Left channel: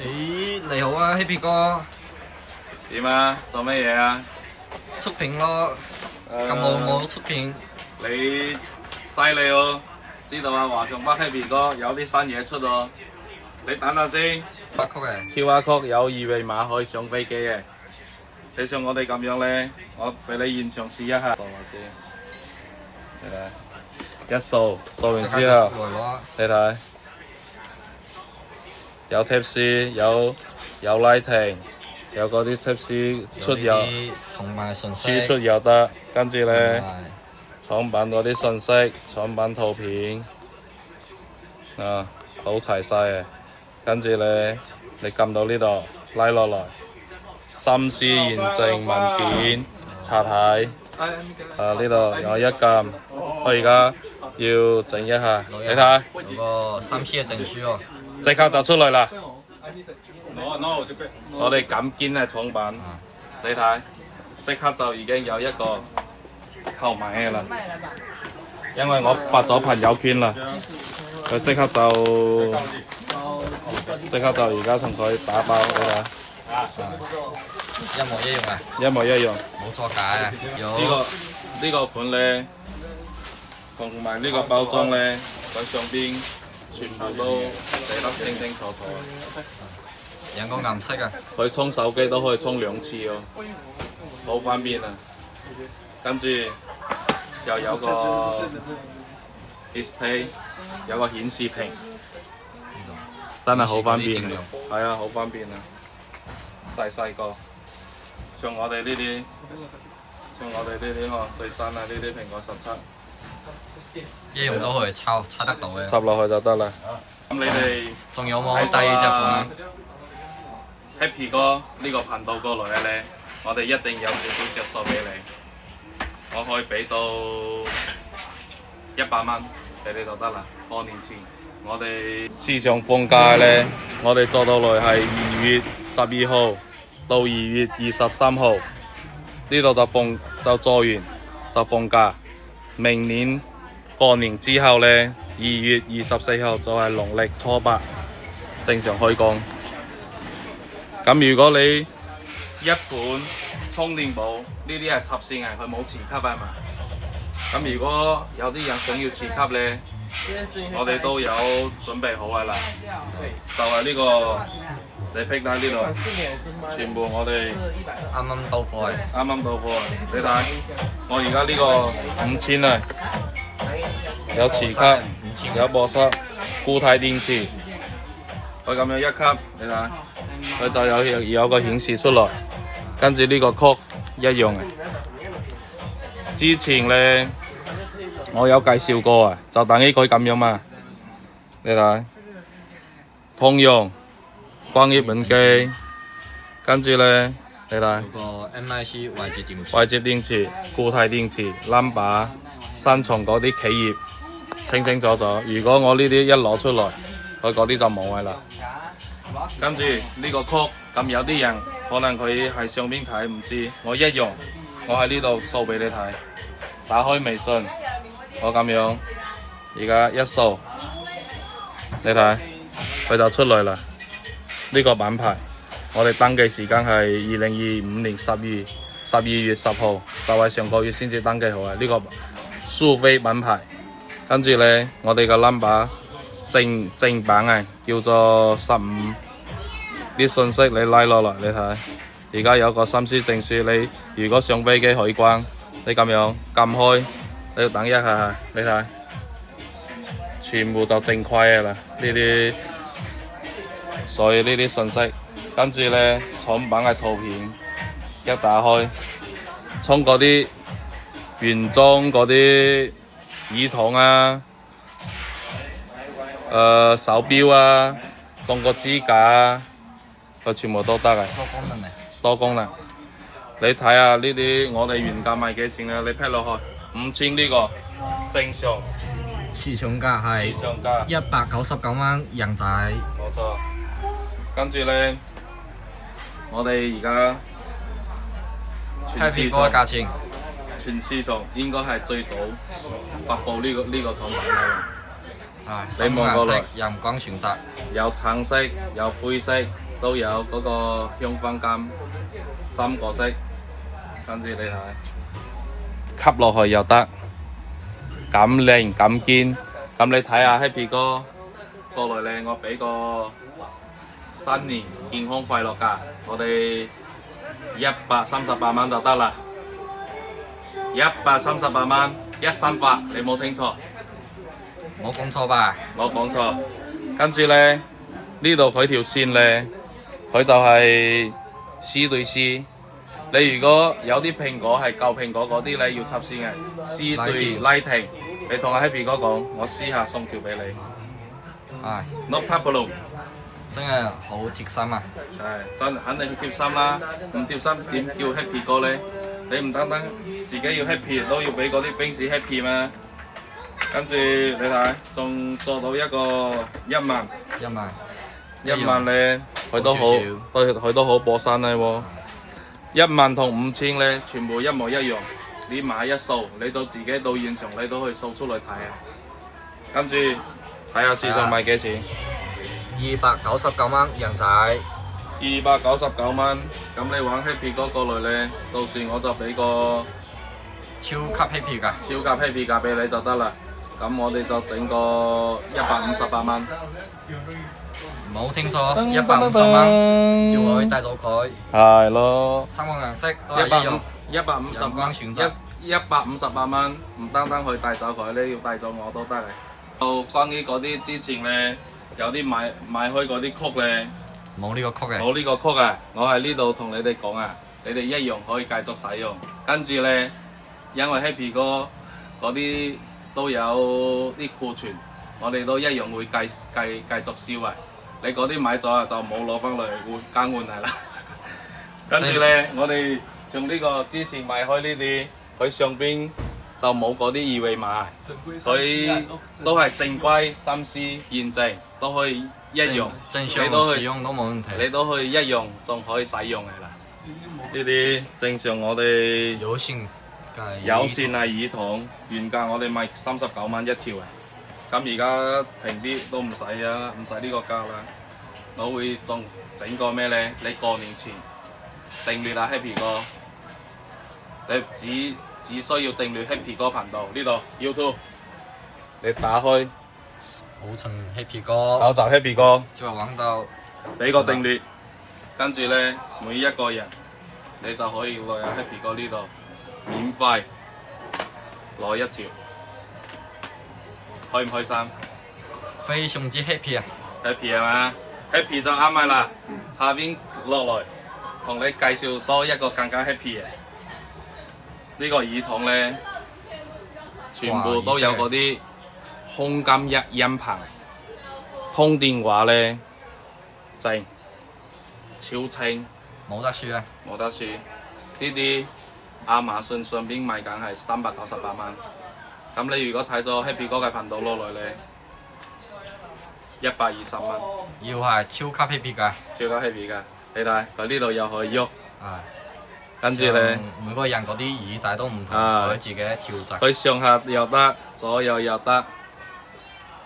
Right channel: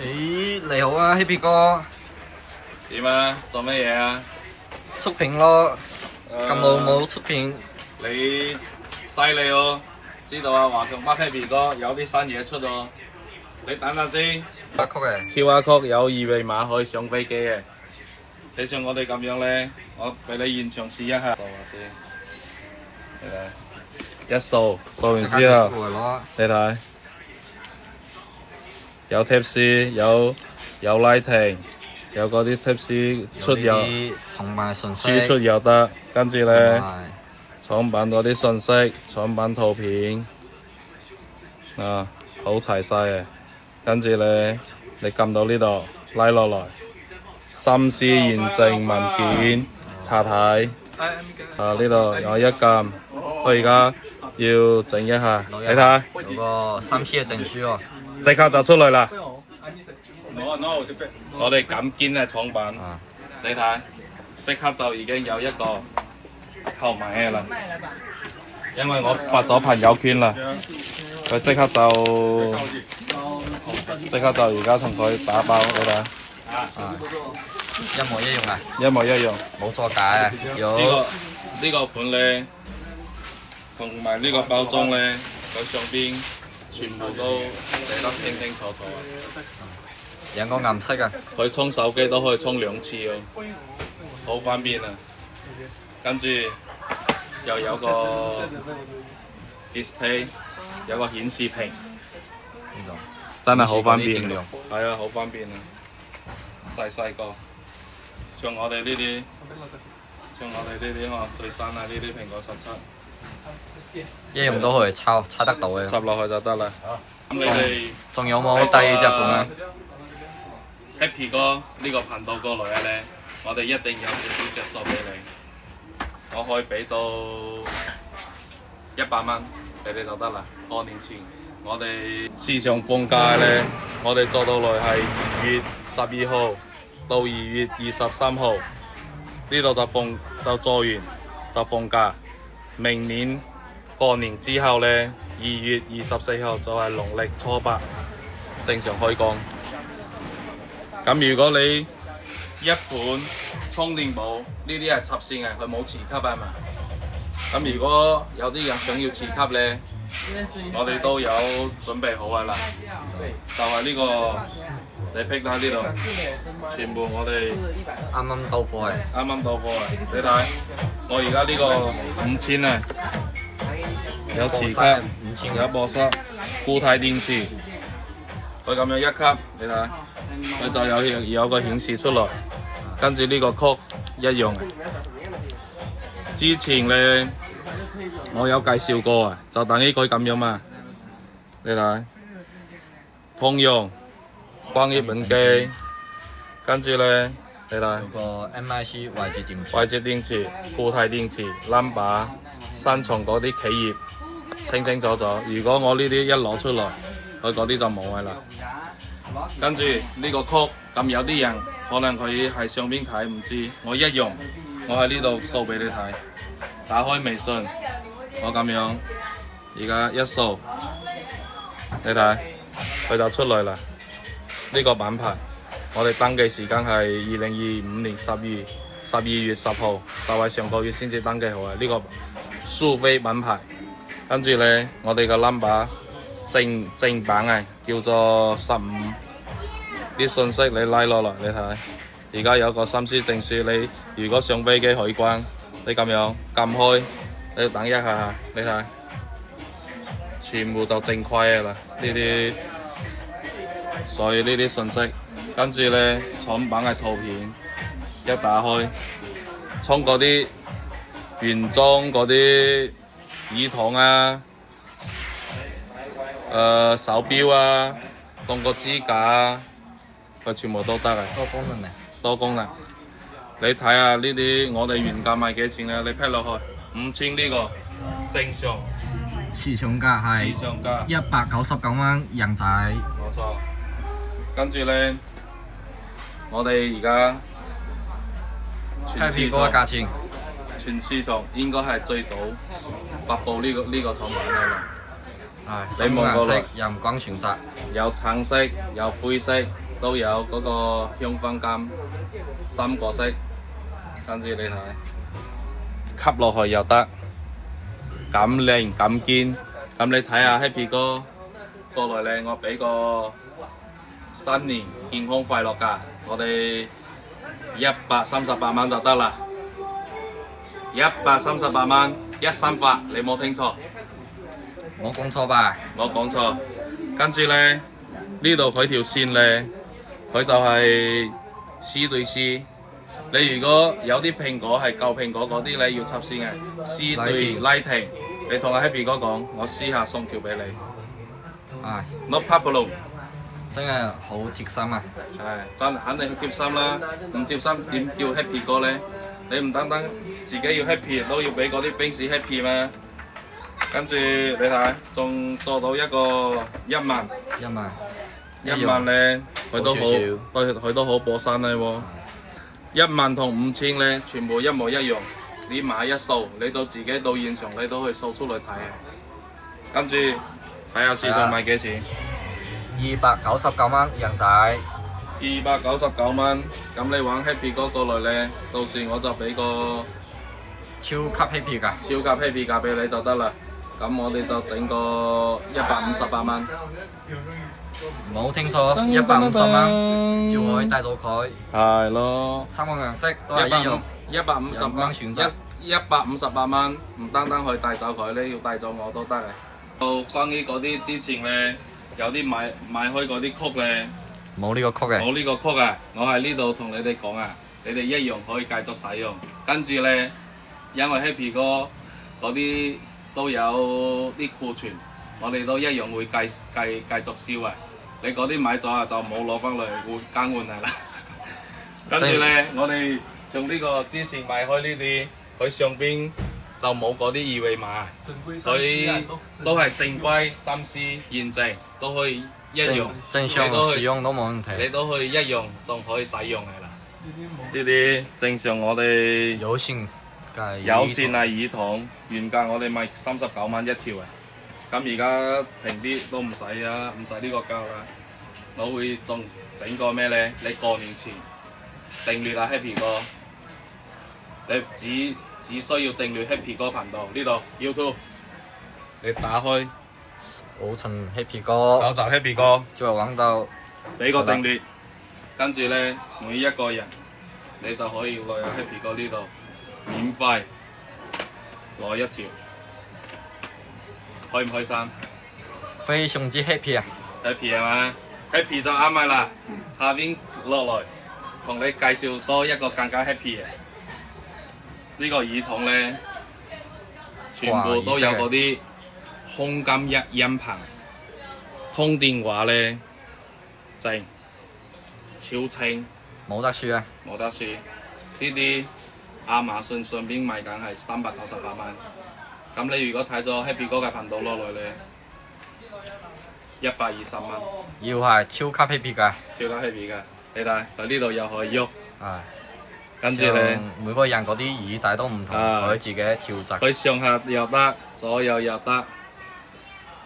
咦，你好啊，Happy 哥，點啊？做乜嘢啊？出片咯，咁耐冇出片，你犀利哦！知道啊，華強北 Happy 哥有啲新嘢出哦。你等下先發曲嘅， ，QR code 有二維碼可以上飛機嘅。你像我哋咁樣咧，我俾你現場試一下。掃下先，你睇，一掃完即刻之後，出嚟攞。你睇，有 Tips，有 Lighting，有嗰啲 Tips 出有有啲重賣信息，輸出又得，跟住咧。係產品嗰啲信息、產品圖片啊，好齊晒嘅。跟住咧，你撳到呢度拉落來，心思驗證文件查睇。啊，呢度有一撳，我而家要整一下，你睇下，有個3C 嘅證書喎。即刻就出嚟啦！我哋咁堅嘅廠品，啊，你睇，即刻就已經有一個購買嘅啦。因為我發咗朋友圈啦，佢即刻就而家同佢打包，你睇，啊，一模一樣啊，一模一樣。冇作假啊，有呢個盤咧，同埋呢個包裝咧，佢上邊全部都寫得清清楚楚啊！兩個顏色啊，佢充手機都可以充2次哦，好方便啊！跟住又有個 display， 有個顯示屏，呢度真係好方便電量。係啊，好方便啊！細個，像我哋呢啲，最新啊呢啲蘋果17，一樣都可以抄得到嘅。插落去就得啦。咁你哋仲有冇第二隻款啊？ Happy 哥呢個頻道過來嘅咧，我哋一定有少少着數俾你，我可以俾到100蚊俾你就得啦。過年前我哋市場放假咧，我哋做到來係2月12號到2月23號，呢度就做完就放假。明年過年之後咧，2月24號就係農曆初8正常開工。咁如果你一款充電寶呢啲係插線嘅，佢冇磁吸啊嘛。咁如果有啲人想要磁吸咧，我哋都有準備好噶啦。就係呢個，你劈喺呢度，全部我哋啱啱到貨嘅，啱啱到貨啊！你睇，我而家呢個5000啊，有磁吸，有波塞，固態電池，佢咁樣一吸，你睇。佢就有個顯示出來，跟住呢個曲一樣嘅。之前咧我有介紹過啊，就等於佢咁樣嘛。你睇，通用光熱本機，跟住咧你睇有個 MIC 外接電池，外接電池、固態電池、number、新藏嗰啲企業清清楚楚。如果我呢啲一攞出嚟，佢嗰啲就冇嘅啦。跟住呢個曲，咁有啲人可能佢喺上邊睇唔知，我一樣，我喺呢度掃俾你睇。打開微信，我咁樣，而家一掃，你睇，佢就出來啦。呢個品牌，我哋登記時間係2025年12月10號，就係上個月先至登記好嘅呢個蘇菲品牌。跟住咧，我哋個 number。正版啊，叫做15，啲信息你拉落嚟，你睇，而家有個心思證書，你如果上飛機海關，你咁樣撳開，你要等一下，你睇，全部就正規嘅啦，呢啲，所以呢啲信息，跟住咧產品嘅圖片一打開，充嗰啲原裝嗰啲耳筒啊。手錶啊，當個支架啊，佢全部都得嘅。多功能嘅，多功能。你睇下呢啲，我哋原價賣幾錢咧？你劈落去5000呢個正常。市場價係市場價199蚊人仔。冇錯。跟住咧，我哋而家Happy 哥嘅價錢，全市場應該係最早發布呢個產品嘅啦。係，深顏色任君選擇。有橙色，有灰色，都有嗰個香薰柑3個色，跟住你睇，吸落去又得，咁靚咁堅。咁你睇下 Happy 哥過來咧，我俾個新年健康快樂價，我哋138蚊就得啦，138蚊一新發，你冇聽錯，冇講錯吧？冇講錯。跟住咧，呢度佢條線咧，佢就係 C 對 C。你如果有啲蘋果係舊蘋果嗰啲咧，要插線嘅 C 對 Lighting。你同阿 Happy 哥講，我私下送條俾你。唉 No problem。真係好貼心啊！係真肯定係貼心啦，唔貼心點叫 Happy 哥咧？你唔單單自己要 happy， 都要俾嗰啲兵士 happy 嘛。跟住你睇，仲做到一個1萬1萬咧，佢都好，少少佢都好過山咧喎。1萬同5000咧，全部一模一樣。你買一數，你到自己到現場，你都可以數出嚟睇啊。跟住睇下市場賣幾錢，299蚊人仔，299蚊。咁你玩 Happy 哥過來咧，到時我就俾個超級 happy 㗎，超級 Happy 價俾你就得啦。咁我哋就整個158蚊。冇聽錯，150蚊就可以帶走佢。係咯。 3個顏色都係一樣。 150蚊選擇158蚊，唔單單可以帶走佢咧，要帶走我都得嘅。到關於嗰啲之前咧，有啲買開嗰啲曲咧，冇呢個曲嘅。冇呢個曲啊！我喺呢度同你哋講啊，你哋一樣可以繼續使用。跟住咧，因為 Happy 哥嗰啲都有啲庫存，我哋都一樣會繼續燒啊！你嗰啲買咗啊，就冇攞翻嚟換更換嚟啦。跟住咧，我哋從呢個之前買開呢啲，佢上邊就冇嗰啲二維碼，佢都係正規、3C 驗證，都可以一樣。正常使用都冇問題。你都可以一樣，仲可以使用嘅啦。呢啲正常我哋有線嘅有線係耳筒，原價我哋賣39蚊一條嘅。咁而家平啲都唔使啊，唔使呢個價啦。我會仲整個咩咧？你過年前訂閱啊 Happy 哥，你只需要訂閱 Happy 哥頻道呢度 YouTube， 你打開保存 happy 哥，搜集 Happy 哥，就會揾到俾個訂閱，跟住咧每一個人你就可以落入 Happy 哥呢度免費攞一條，開唔開心？非常之 happy 啊！ Happy 係嘛 ？Happy 就啱咪啦。下邊落來同你介紹多一個更加 happy 嘅呢個耳筒咧，全部都有嗰啲空間音頻，通電話咧正超清，冇得輸啊！冇得輸。呢啲亞馬遜上邊賣緊係398蚊，咁你如果睇咗 Happy 哥嘅頻道落來咧，120蚊。要係超級 happy 㗎，超級 happy 㗎，你睇佢呢度又可以喐，啊，跟住咧，每個人嗰啲耳仔都唔同，啊可以自己調節。佢上下又得，左右又得，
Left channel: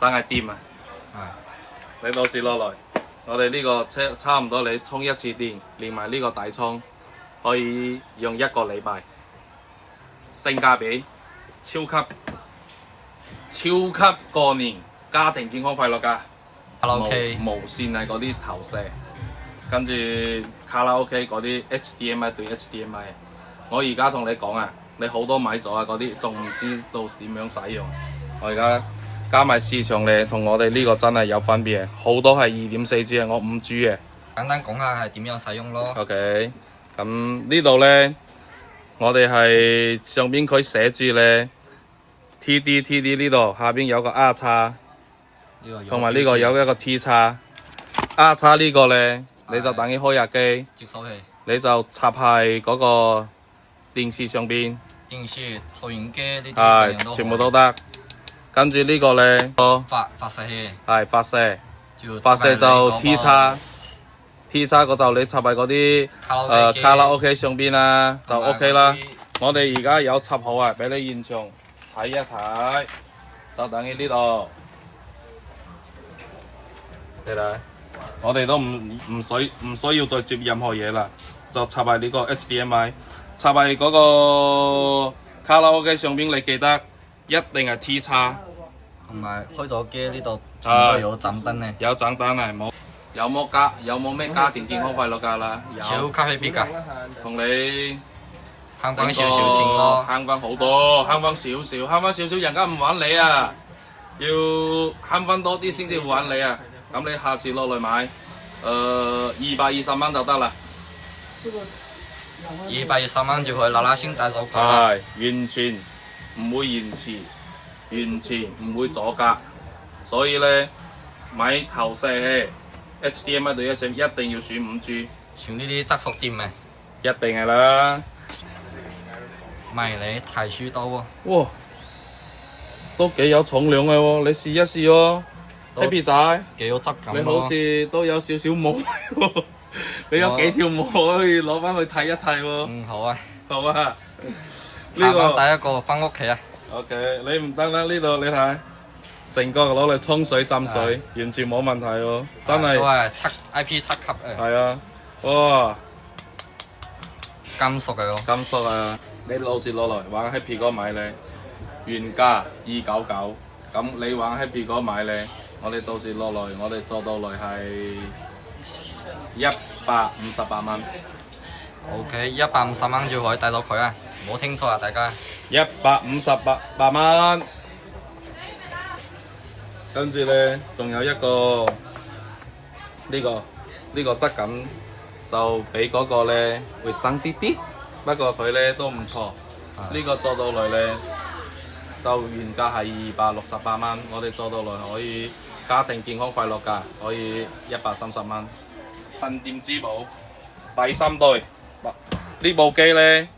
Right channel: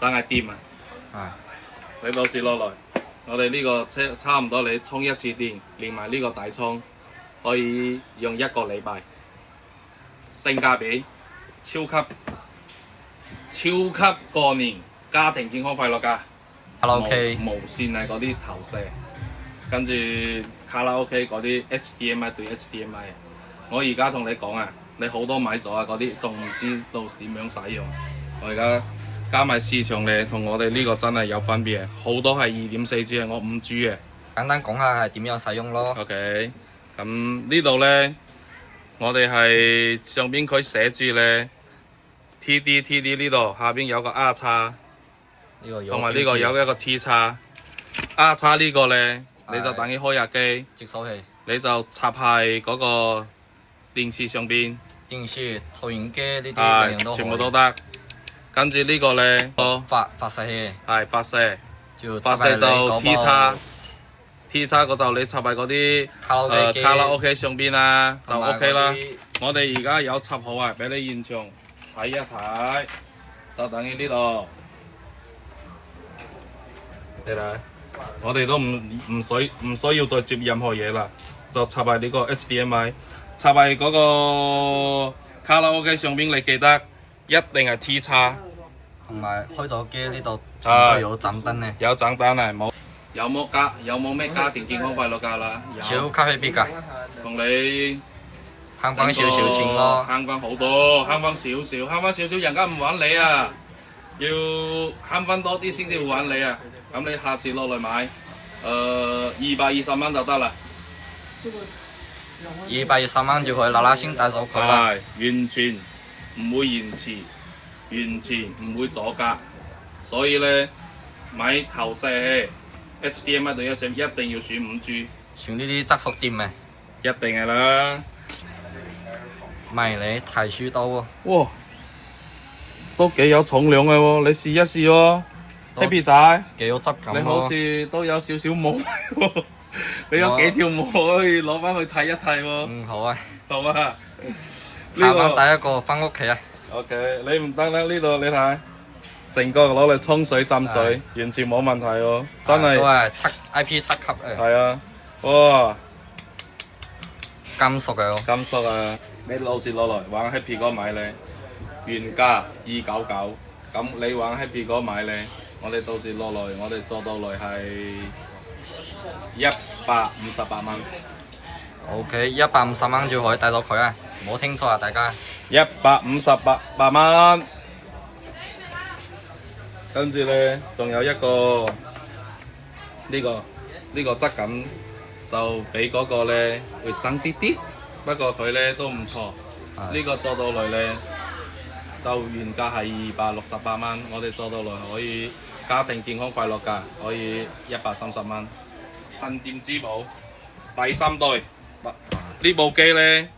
真係掂啊！啊，你到時落來，我哋呢個差唔多你充一次電，連埋呢個底充，可以用1個禮拜，性價比超級過年家庭健康快樂㗎。卡拉 OK 無線係嗰啲投射，跟住卡拉 OK 嗰啲 HDMI 對 HDMI。我而家同你講啊，你好多買咗啊嗰啲，仲唔知道點樣使用。我而家加埋市場咧，同我哋呢個真係有分別嘅，好多係2.4G 嘅，我5G 嘅。簡單講下係點樣使用咯。OK，咁呢度咧，我哋係上邊佢寫住咧 TD 呢度，下邊有個 R 叉。同埋呢個有一個 T 叉，R 叉呢個咧，你就等於開日機，接收器，你就插喺嗰個電視上邊，電視、投影機呢啲樣樣都全部都得。跟住呢個咧，發射器，係發射，發射就 T 叉嗰就你插喺嗰啲卡拉 OK 上邊啦，就 OK 啦。我哋而家有插好啊，俾你現場睇一睇，就等於呢度。你睇，我哋都唔需要再接任何嘢啦，就插喺呢個 HDMI， 插喺嗰個卡拉 OK 上邊，你記得一定係 T 叉，同埋開咗機呢度全部有獎品嘅，有獎品係冇？有冇咩家庭健康快樂價啦？超級 happy 㗎，同你慳翻少少錢咯，慳翻好多，慳翻少少，慳翻少少，人家唔玩你啊，要慳翻多啲先至會玩你啊。咁你下次落嚟買，220蚊就得啦。220蚊就可以嗱嗱聲帶走佢啦。係完全唔會延遲，完全唔會阻隔，所以咧買投射器 HDMI 對一定要選5G，選呢啲質素店嘅，一定係啦。迷你提書刀喎，哇，都幾有重量嘅喎，你試一試喎。Happy 仔，幾有質感你好似都有少少毛喎，你有幾條毛可以攞翻去剃一剃喎？嗯，好啊，好啊，呢下個班第一個翻屋企啊。OK， 你唔得啦，呢度你睇，成個攞嚟沖水浸水，完全冇問題喎，真係。都係IP7級嘅。係啊，哇，金屬嘅喎。金屬啊！你到時攞來玩 Happy 哥買咧，原價299，咁你玩 Happy 哥買咧，我哋到時落來，我哋做到來係158蚊。OK， 150蚊就可以帶到佢啊！唔好聽錯啊，大家。158蚊。跟住咧，仲有一個呢個質感就比嗰個咧會爭啲啲，不過佢咧都唔錯。呢個做到嚟咧就原價係268蚊，我哋做到嚟可以家庭健康快樂價，可以130蚊。鎮店之寶第3代，呢部機咧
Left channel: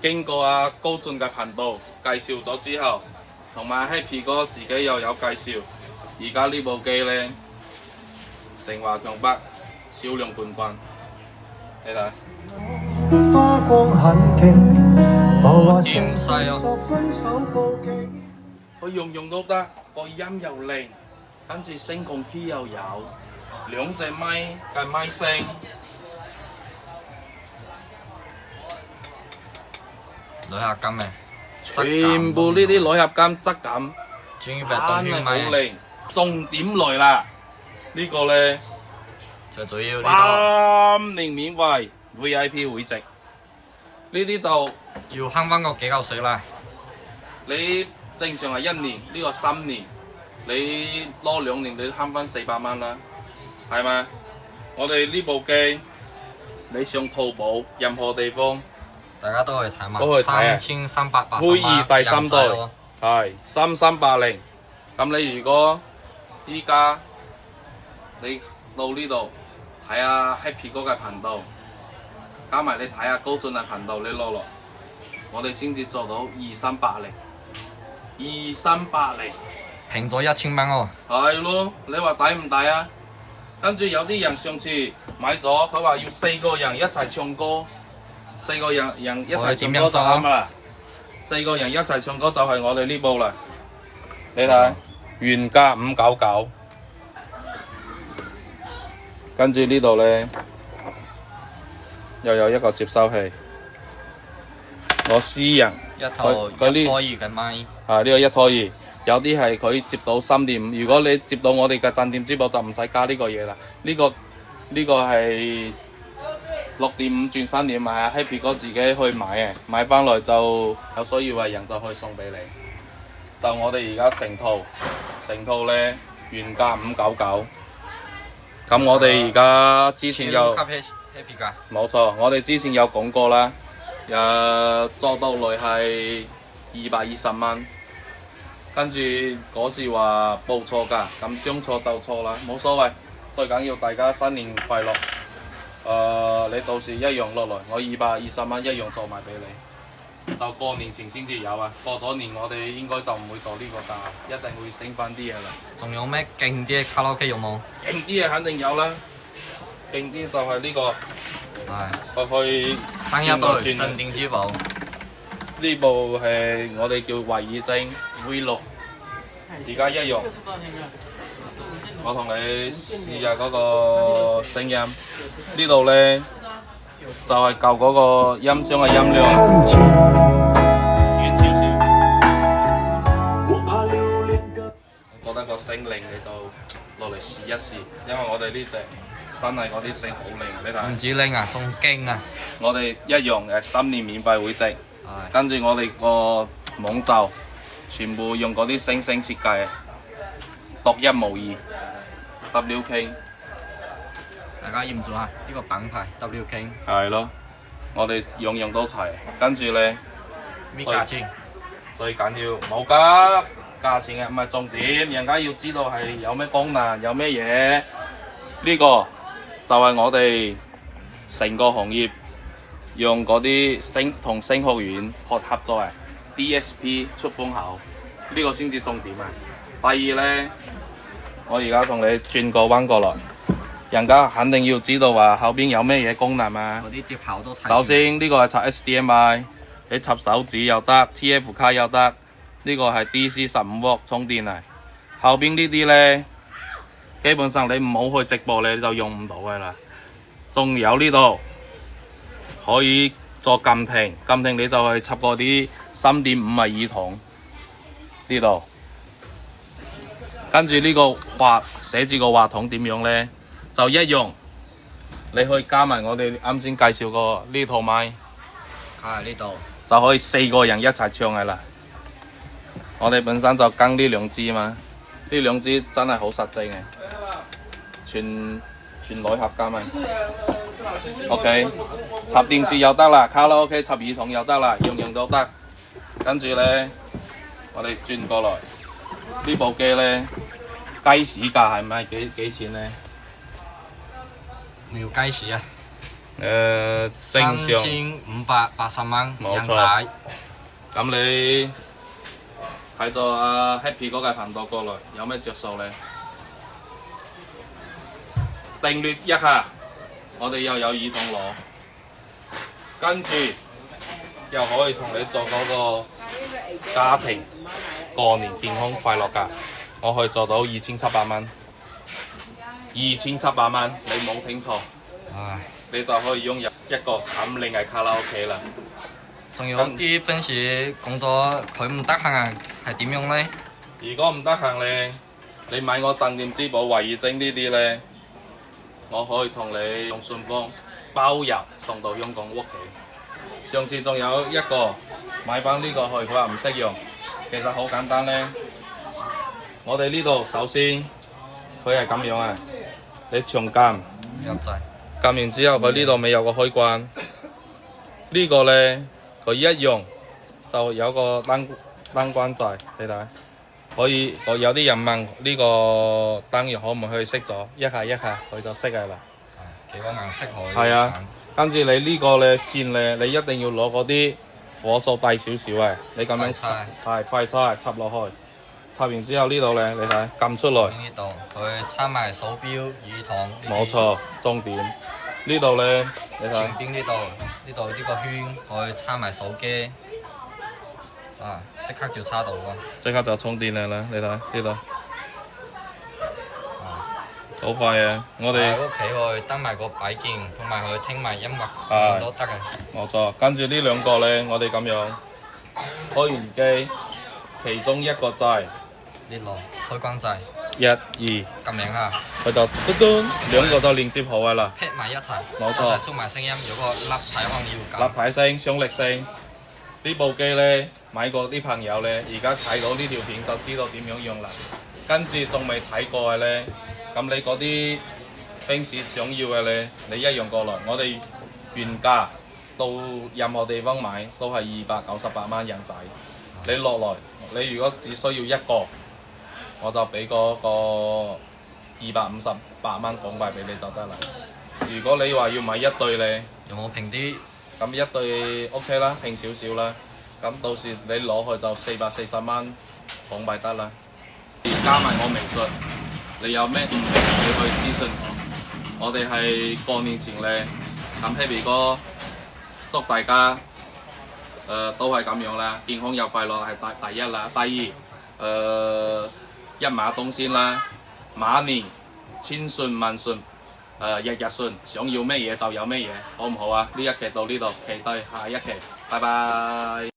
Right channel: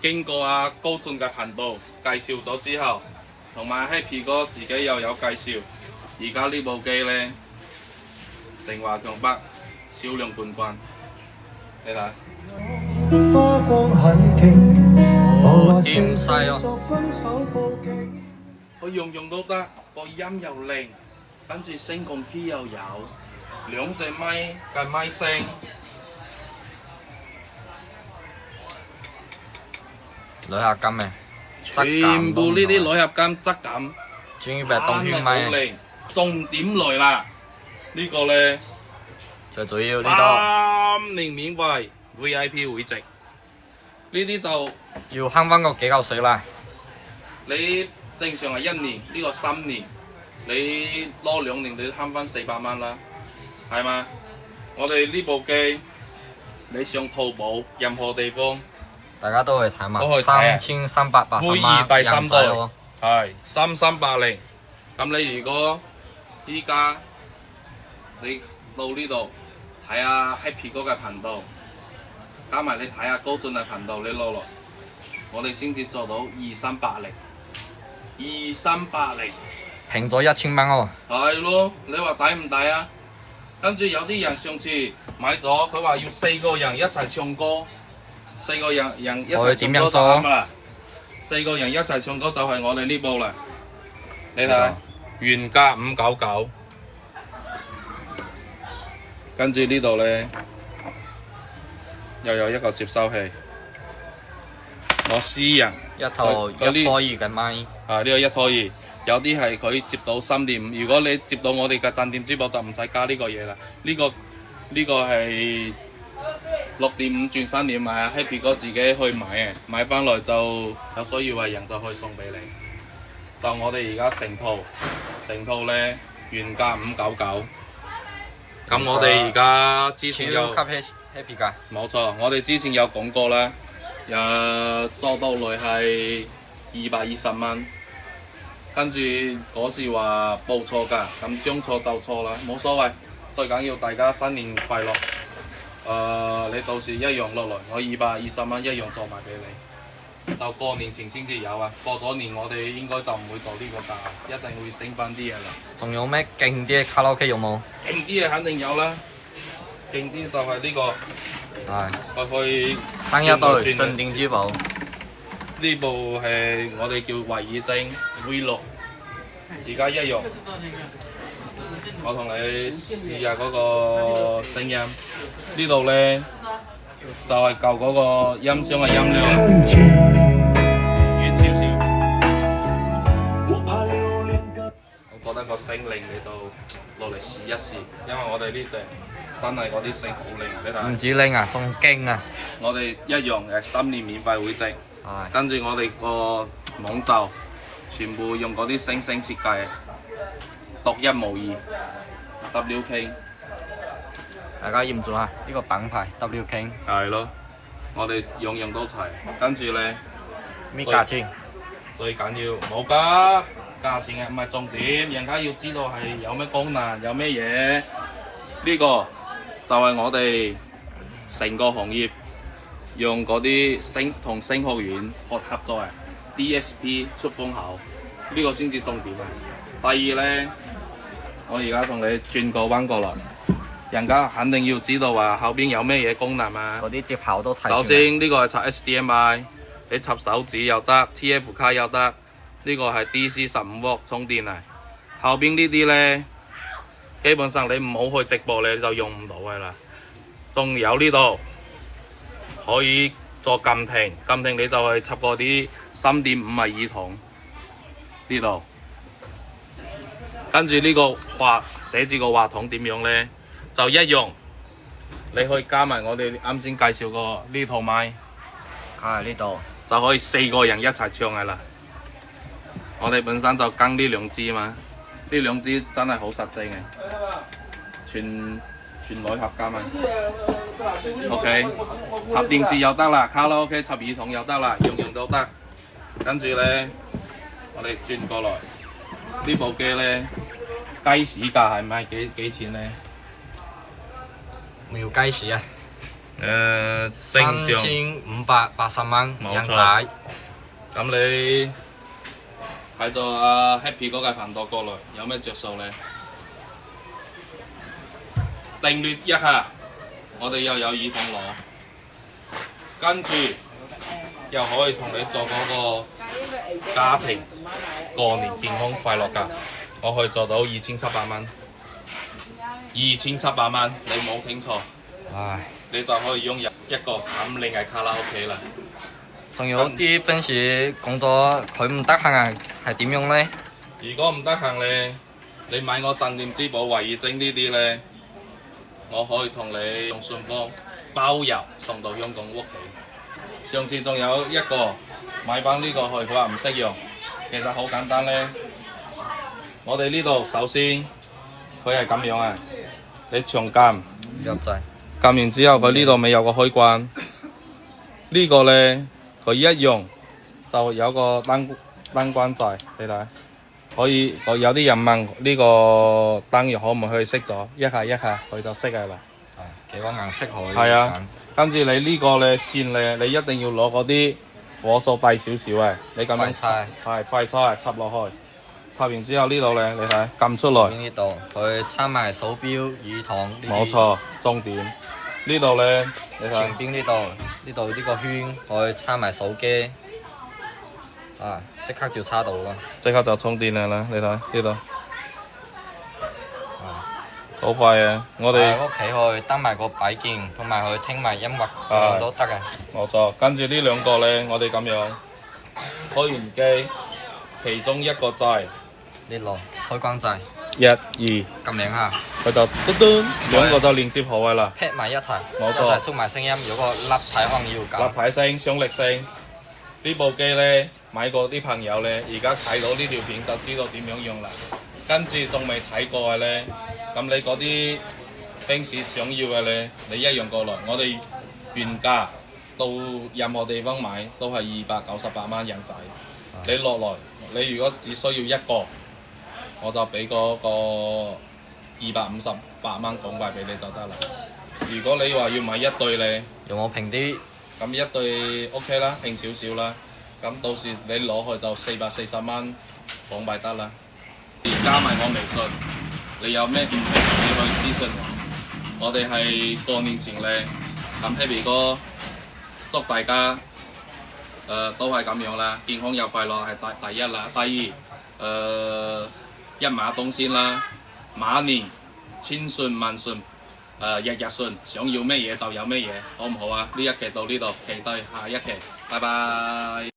經過阿高進嘅頻道介紹咗之後，同埋 Happy 哥自己又有介紹，而家呢部機咧成華強北銷量冠軍，你睇。花光很勁，浮華點細啊！作分手報警。佢用都得，個音又靚，跟住聲控 key 又有，2隻咪嘅咪聲。鋁合金嘅，全部呢啲鋁合金質感，專業嘅動圈咪。好靚。重點來啦，呢個咧最主要呢度3年免費 VIP 會籍，呢啲就要慳翻個幾嚿水啦。你正常係1年，呢個3年，你攞2年，你慳翻400蚊啦，係咪？我哋呢部機，你上淘寶任何地方，大家都去睇嘛，都去睇3380虛擬蚊第3代人仔喎。係3380。咁你如果依家你到呢度睇下 Happy 哥嘅頻道，加埋你睇下高進嘅頻道，你攞落，我哋先至做到2380，平咗1000蚊喎。係咯，你話抵唔抵啊？跟住有啲人上次買咗，佢話要4個人一齊唱歌，4個人一齊唱歌就啱啦。4個人一齊唱歌就係我哋呢部啦。你睇，原價599，跟住呢度咧又有一個接收器，我私人一套1拖2嘅咪。啊，呢個1拖2。有啲係佢接到3.5，如果你接到我哋嘅鎮店之寶就唔使加呢個嘢啦。呢個係6.5轉3.5啊 ，Happy 哥自己去買嘅，買翻來就有需要嘅人就可以送俾你。就我哋而家成套咧原價599，咁我哋而家之前有超級 happy 㗎。冇錯，我哋之前有講過啦，做到嚟係220蚊。跟住嗰時話報錯價，咁將錯就錯啦，冇所謂。最緊要大家新年快樂。你到時一樣落來，我220蚊一樣做埋俾你。就過年前先至有啊，過咗年我哋應該就唔會做呢個價，一定會升翻啲嘢啦。仲有咩勁啲嘅卡拉 OK 有冇？勁啲嘢肯定有啦，勁啲就係呢個。係。去新一代鎮店之寶。呢部係我哋叫維爾精 V6，而家一樣我同你試下嗰個聲音。呢度咧就係舊嗰個音箱嘅音量看見遠少少。我覺得個聲令你就落嚟試一試，因為我哋呢隻真係嗰啲聲好靈啊！你睇。唔止拎啊，仲勁啊！我哋一樣3年免費會籍，係跟住我哋個網罩全部用嗰啲星星設計，獨一無二 W King。大家驗咗下呢個品牌 W King 係咯，我哋樣樣都齊，跟住咧咩價錢？最緊要冇㗎，價錢嘅唔係重點，人家要知道係有咩功能，有咩嘢。呢個就係我哋成個行業用嗰啲同聲學院合作啊 DSP 出風口，呢個先至重點啊。第二咧，我而家同你轉個彎過來，人家肯定要知道話後邊有咩嘢功能啊。嗰啲接口都齊。首先呢個係插 HDMI， 你插手指又得 ，TF 卡又得，呢個係 DC 15W 充電啊。後邊呢啲咧，基本上你唔好去直播你就用唔到噶啦。仲有呢度可以做撳停，撳停你就去插嗰啲3.5米耳筒呢度。跟住呢個寫字個話筒點樣咧？就一樣，你可以加埋我哋啱先介紹過呢套麥，喺呢度就可以4個人一齊唱噶啦。我哋本身就跟呢兩支嘛，呢兩支真係好實淨嘅，全鋁合金啊。OK， 插電視又得啦，卡拉 OK 插耳筒又得啦，樣樣都得。跟住咧，我哋轉過來呢部機咧，雞屎價係咪幾錢咧？要雞屎啊正常！3580蚊冇錯人仔。咁你睇咗阿 Happy 嗰個頻道過來，有咩着數咧？訂閱一下，我哋又有耳筒攞，跟住又可以同你做嗰個家庭過年健康快樂價，我可以做到2700蚊。2700蚊，你冇聽錯，唉，你就可以擁有一個咁靚嘅卡拉 OK 啦。仲有啲平時工作佢唔得閒啊，係點樣咧？如果唔得閒咧，你買我鎮店之寶維爾精呢啲咧，我可以同你用順豐包郵送到香港屋企。上次仲有一個買翻呢個去，佢話唔識用，其實好簡單咧。我哋呢度首先佢係咁樣啊，你長撳入掣，撳完之後，佢呢度咪有個開關，呢個咧佢一樣就有個燈關掣，你睇。可以，有啲人問呢個燈藥可唔可以熄咗？一下佢就熄㗎啦。係幾個顏色可以係啊，跟住你呢個咧線咧，你一定要攞嗰啲火數低少少嘅，你咁樣插，係快叉插落去，插完之後呢度咧，你睇撳出來。呢度佢插埋手錶、耳筒。冇錯，重點呢度咧，你睇前邊呢度呢個圈可以插埋手機。啊！即刻就插到啦，即刻就充電啦！你睇呢度，好快啊！我哋屋企去登埋個擺件，同埋去聽埋音樂，咁都得嘅。冇錯，跟住呢兩個咧，我哋咁樣開完機，其中一個掣呢度開關掣1、2，撳兩下，佢就嘟嘟，兩個就連接好㗎啦，劈埋一齊，冇錯一齊出埋聲音。有個立體可能要立體聲、雙力聲。呢部機咧買過啲朋友咧，而家睇到呢條片就知道點樣用啦。跟住仲未睇過嘅咧，咁你嗰啲平時想要嘅咧，你一樣過來。我哋原價到任何地方買都係298蚊人仔。你落來，你如果只需要一個，我就俾嗰個258蚊港幣俾你就得啦。如果你話要買一對咧，有冇平啲？咁一對 OK 啦，平少少啦。咁到時你攞去就440蚊港幣得啦。加埋我微信，你有咩唔明你可以私信我。我哋係過年前咧，咁 Happy 哥祝大家都係咁樣啦，健康又快樂係第一啦。第二一馬當先啦，馬年千順萬順，日日順，想要咩嘢就有咩嘢，好唔好啊？呢一期到呢度，期待下一期，拜拜。